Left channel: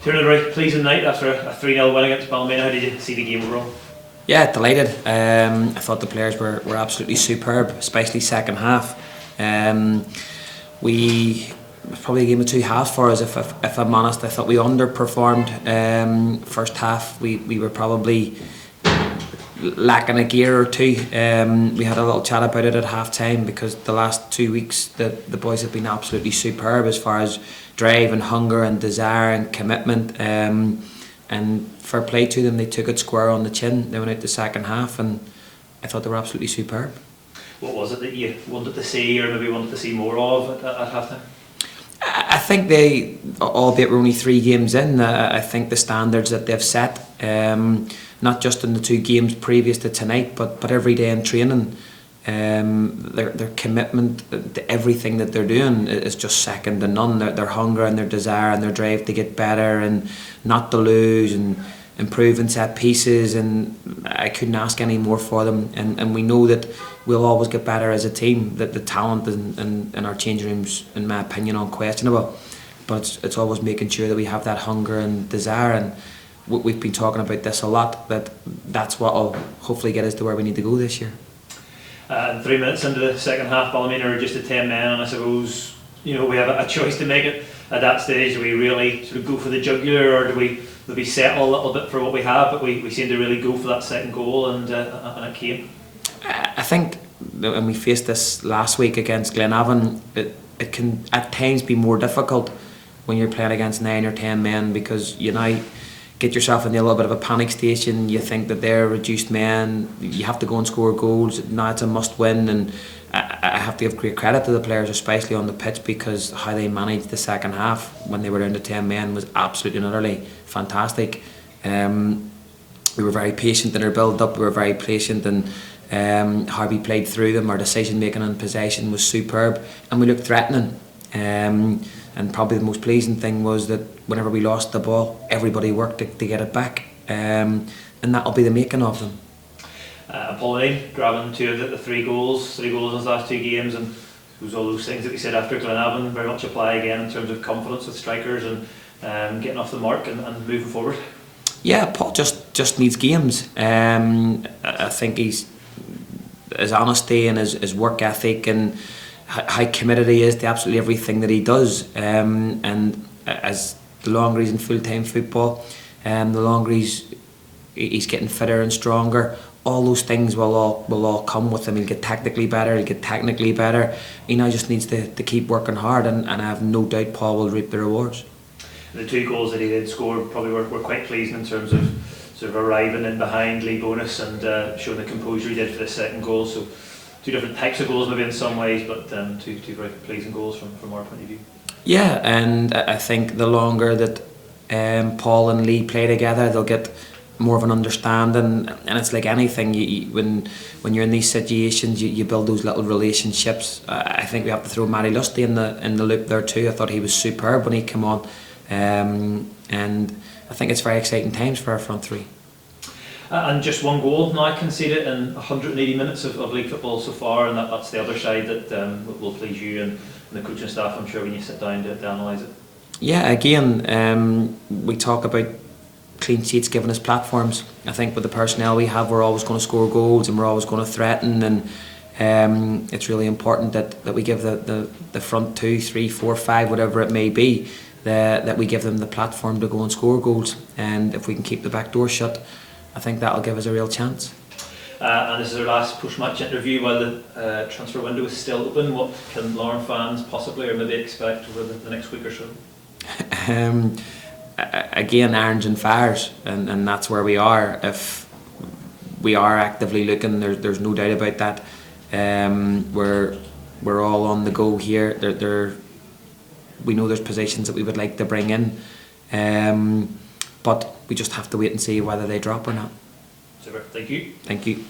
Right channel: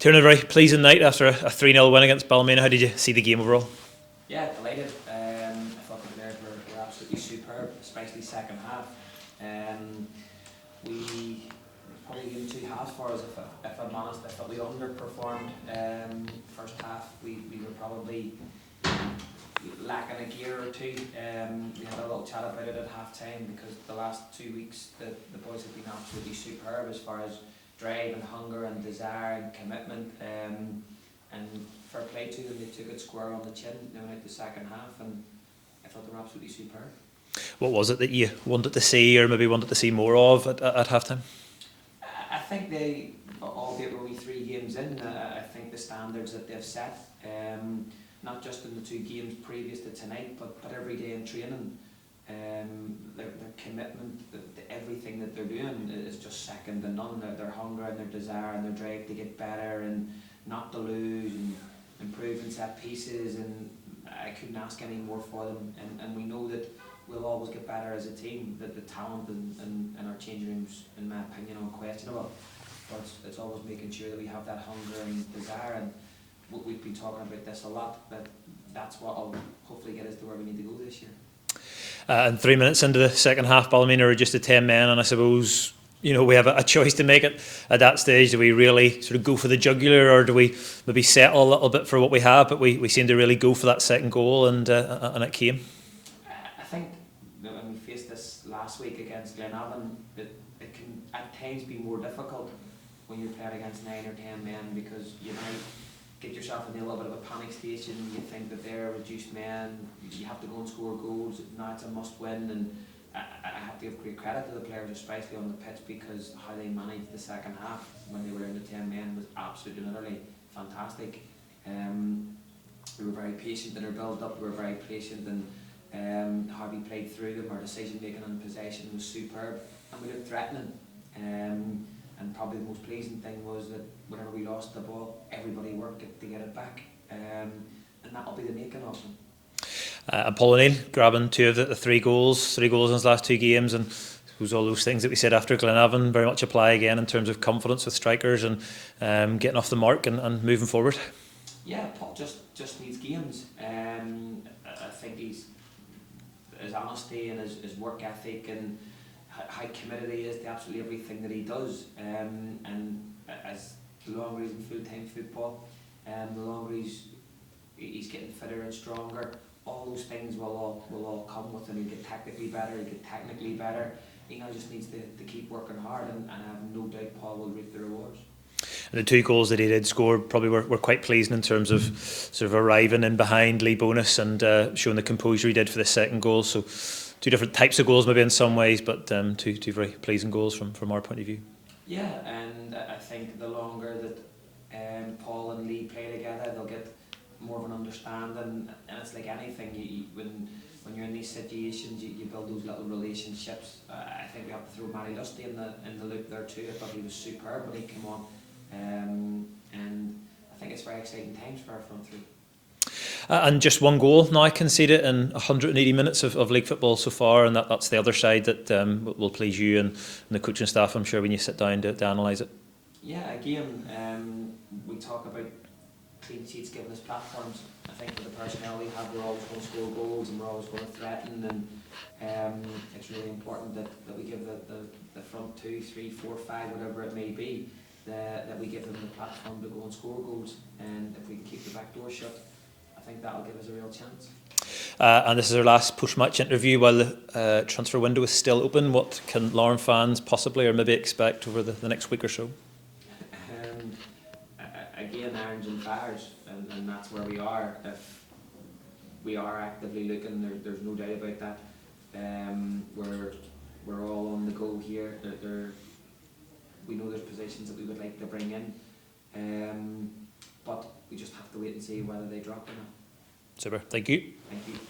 Tiernan, a very pleasing night after a 3-0 win against Ballymena. How did you see the game overall? Yeah, delighted. I thought the players were absolutely superb, especially second half. It was probably a game of two halves for us, if I'm honest. I thought we underperformed. First half, we were probably lacking a gear or two. We had a little chat about it at half time because the last 2 weeks the boys have been absolutely superb as far as drive and hunger and desire and commitment. And fair play to them, they took it square on the chin. They went out the second half and I thought they were absolutely superb. What was it that you wanted to see, or maybe wanted to see more of at half time? I think they, albeit we're only 3 games in, I think the standards that they've set, not just in the 2 games previous to tonight, but every day in training, their commitment to everything that they're doing is just second to none. Their hunger and their desire and their drive to get better and not to lose and improving set pieces, and I couldn't ask any more for them. And we know that we'll always get better as a team, that the talent in our changing rooms, in my opinion, unquestionable, but it's always making sure that we have that hunger and desire. And we've been talking about this a lot, that's what will hopefully get us to where we need to go this year. And 3 minutes into the second half, Ballymena are just 10 men, and I suppose we have a choice to make it at that stage. Do we really sort of go for the jugular, or do we maybe settle a little bit for what we have? But we seem to really go for that second goal, and it came. I think when we faced this last week against Glenavon, it can at times be more difficult when you're playing against 9 or 10 men, because you now get yourself in a little bit of a panic station. You think that they're reduced men, you have to go and score goals. Now it's a must win, and I have to give great credit to the players, especially on the pitch, because how they managed the second half when they were down to 10 men was absolutely and utterly fantastic. We were very patient in our build up, we were very patient, and how we played through them. Our decision making and possession was superb, and we looked threatening. And probably the most pleasing thing was that whenever we lost the ball, everybody worked to get it back, and that'll be the making of them. And Paul O'Neill grabbing 2 of the 3 goals in his last 2 games, and it was all those things that we said after Glenavon very much apply again in terms of confidence with strikers and getting off the mark and moving forward. Yeah, Paul just needs games. I think his honesty and his work ethic and how committed he is to absolutely everything that he does, and as the longer he's in full-time football, the longer he's getting fitter and stronger, all those things will all come with him. He'll get tactically better, he'll get technically better. He now just needs to keep working hard, and I have no doubt Paul will reap the rewards. The 2 goals that he did score probably were quite pleasing in terms of sort of arriving in behind Lee Bonus and showing the composure he did for the second goal. So 2 different types of goals maybe in some ways, but two very pleasing goals from our point of view. Yeah, and I think the longer that Paul and Lee play together, they'll get more of an understanding, and it's like anything. When you're in these situations, you build those little relationships. I think we have to throw Matty Lusty in the loop there too. I thought he was superb when he came on, and I think it's very exciting times for our front 3. And just 1 goal now conceded in 180 minutes of league football so far, and that's the other side that will please you and the coaching staff, I'm sure, when you sit down to analyse it. Yeah, again, we talk about clean sheets giving us platforms. I think with the personnel we have, we're always going to score goals and we're always going to threaten, and it's really important that we give the front 2, 3, 4, 5, whatever it may be, that we give them the platform to go and score goals. And if we can keep the back door shut, I think that'll give us a real chance. And this is our last post-match interview while the transfer window is still open. What can Larne fans possibly or maybe expect over the next week or so? Again, irons and fires, and that's where we are. If we are actively looking, there's no doubt about that. We're all on the go here. We know there's positions that we would like to bring in, but we just have to wait and see whether they drop or not. Super. Thank you. Thank you.